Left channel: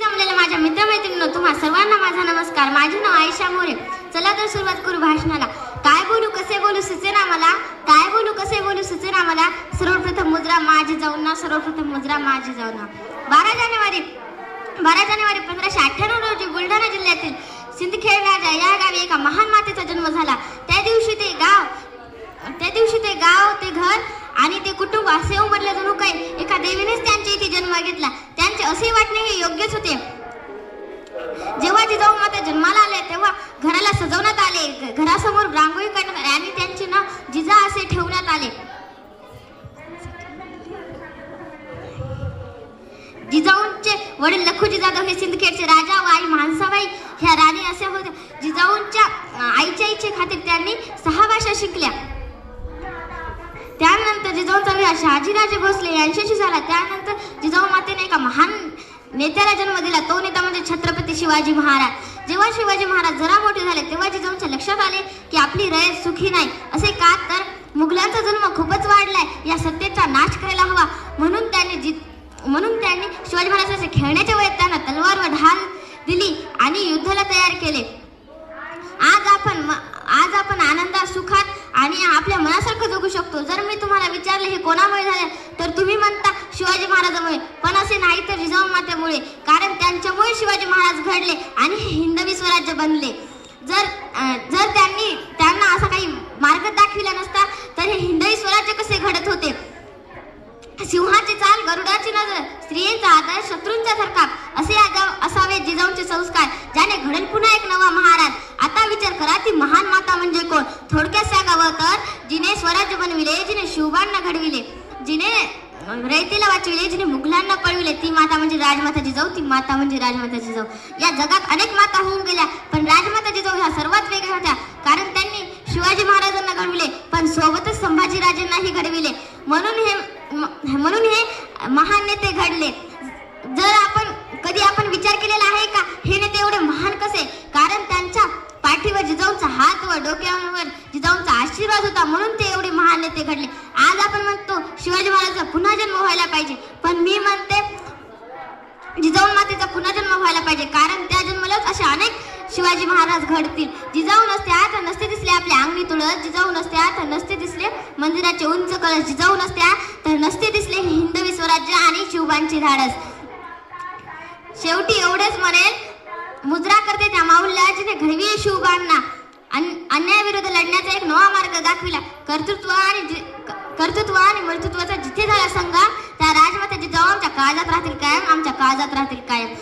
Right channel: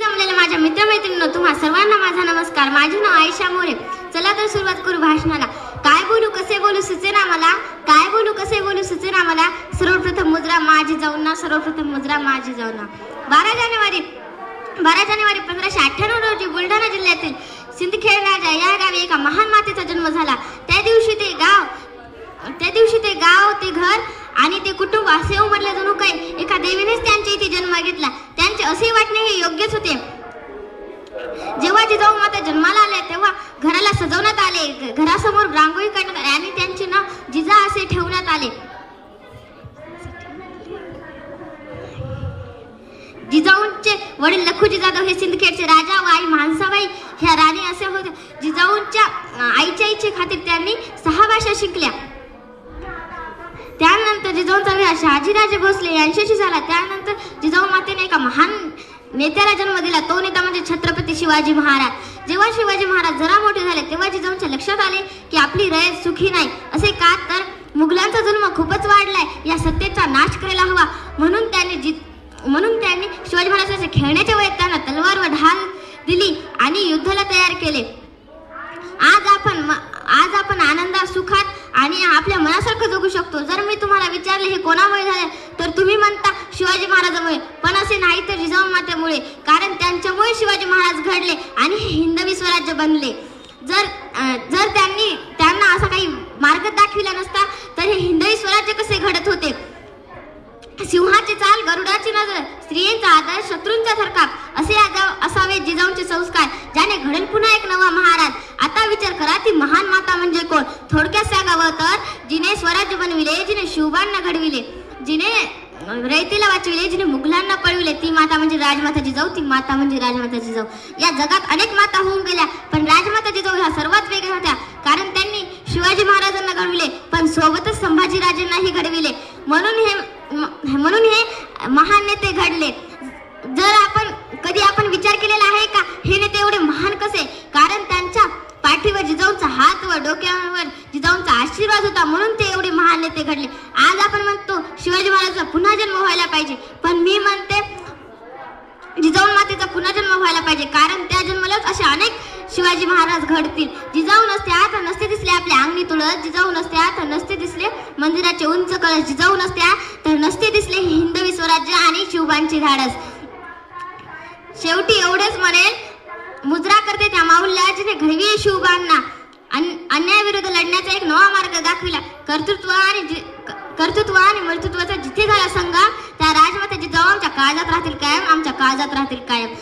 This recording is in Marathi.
जमलेल्या माझ्या मित्रमैत्रिणींनो, तुम्हा सर्वांना माझा नमस्कार. माझे नाव आयशा मोरे. चला तर सुरुवात करू भाषणाला. काय बोलू कसे बोलू सुचेना मला, काय बोलू कसे बोलू सुचेना मला. सर्वप्रथम मुद्रा माझी जाऊन ना, सर्वप्रथम मुद्रा माझी जाऊन ना. 12 जानेवारी 1598 रोजी बुलढाणा जिल्ह्यातील सिंदखेड राजा या गावी एका महान मातेचा जन्म झाला. त्या दिवशी ते गाव ते घर आणि ते कुटुंब असे उमटले जणू काही एका देवीनेच त्यांच्या इथे जन्म घेतला. त्यांचे असे वाटणे हे योग्यच होते. जेव्हा जिजाऊ माता जन्माला आल्या तेव्हा घराला सजवण्यात आले, घरासमोर रांगोळी काढण्यात आली आणि त्यांचे नाव जिजा असे ठेवण्यात आले. जिजाऊंचे वडील लखुजी जाधव हे सिंदखेडचे राजा व आई म्हाळसाबाई ह्या राणी असे होते. जिजाऊंच्या आईच्या इच्छेखातीर त्यांनी 6 भाषा शिकल्या. त्यानंतर जिजाऊंचा विवाह शहाजीराजे भोसले यांच्याशी झाला. त्यानंतर जिजाऊ मातेने एका महान नेत्याला जन्म दिला. तो नेता म्हणजे छत्रपती शिवाजी महाराज. जेव्हा शिवाजी महाराज जरा मोठे झाले तेव्हा जिजाऊंच्या लक्षात आले की आपली रयत सुखी नाही. असे का तर मुघलांचा जन्म खूपच वाढलाय, या सत्तेचा नाश करायला हवा. म्हणून त्यांनी शिवाजी महाराजांच्या खेळण्याच्या वयात त्यांना तलवार व ढाल दिली आणि युद्धाला तयार केले. आज आपण आनंदात, सुखात आणि आपल्या मनासारखं जगू शकतो. जर मी तुम्हाला विचारले हे कोणामुळे झाले तर तुम्ही म्हणता शिवाजी महाराजांमुळे, पण असे नाही तर जिजाऊ मातेमुळे. कारण त्यांच्यामुळे शिवाजी महाराज घडले आणि हिंदवी स्वराज्य बनले. जर त्यांना असा काही मार्ग दाखविला नसता तर हे हिंदवी स्वराज्य कसे घडत होते. सिंहाची चाल, गरुडाची नजर, स्त्रियांचा आदर, शत्रूंचा थरकाप असे असावे जिजाऊंचे संस्कार, ज्याने घडेल पुन्हा एक नवा महाराज. आता विचार करा, ती महान माता म्हणजे कोण. थोडक्यात सांगावं तर जिने स्वराज्य बनविले, जिने शिवबांना घडविले, जिने रयतेला वाचविले, जिने मुघलांना पळविले, ती माता म्हणजे राजमाता जिजाऊ. ती माता म्हणजे राजमाता जिजाऊ. या जगात अनेक माता होऊन गेल्या, पण राजमाता जिजाऊ ह्या सर्वात वेगळ्या होत्या. कारण त्यांनी शिवाजी महाराजांना घडविले पण सोबतच संभाजीराजेंनाही घडविले. म्हणून हे महान नेते घडले. कधी आपण विचार केलेला आहे का हे नेते एवढे महान कसे. कारण त्यांच्या पाठीवर जिजाऊचा हात व डोक्यावर जिजाऊंचा आशीर्वाद होता, म्हणून ते एवढे महान नेते घडले. आज आपण म्हणतो शिवाजी महाराजांचा पुन्हा जन्म व्हायला पाहिजे, पण मी म्हणते जिजाऊ मातेचा पुन्हा जन्म व्हायला पाहिजे. कारण त्या जन्मलाच असे अनेक शिवाजी महाराज घडतील. जिजाऊ नसत्या तर नसते दिसले आपले अंगणी तुळस, जिजाऊ नसत्या तर नसते दिसले मंदिराचे उंच कळस, जिजाऊ नसत्या तर नसते दिसले हिंदवी स्वराज्य आणि शिवबांची धाडस. शेवटी एवढेच म्हणेल, मुद्रा करते त्या माऊलीला जिने घडविले शिवबांना. अन्यायाविरुद्ध लढण्याचा एक नवा मार्ग दाखविला. कर्तृत्व आणि मर्तृत्वाचा जिथे झाला संघ, त्या राजमाता जिजाऊ आमच्या काळजात राहतील कायम, आमच्या काळजात राहतील कायम.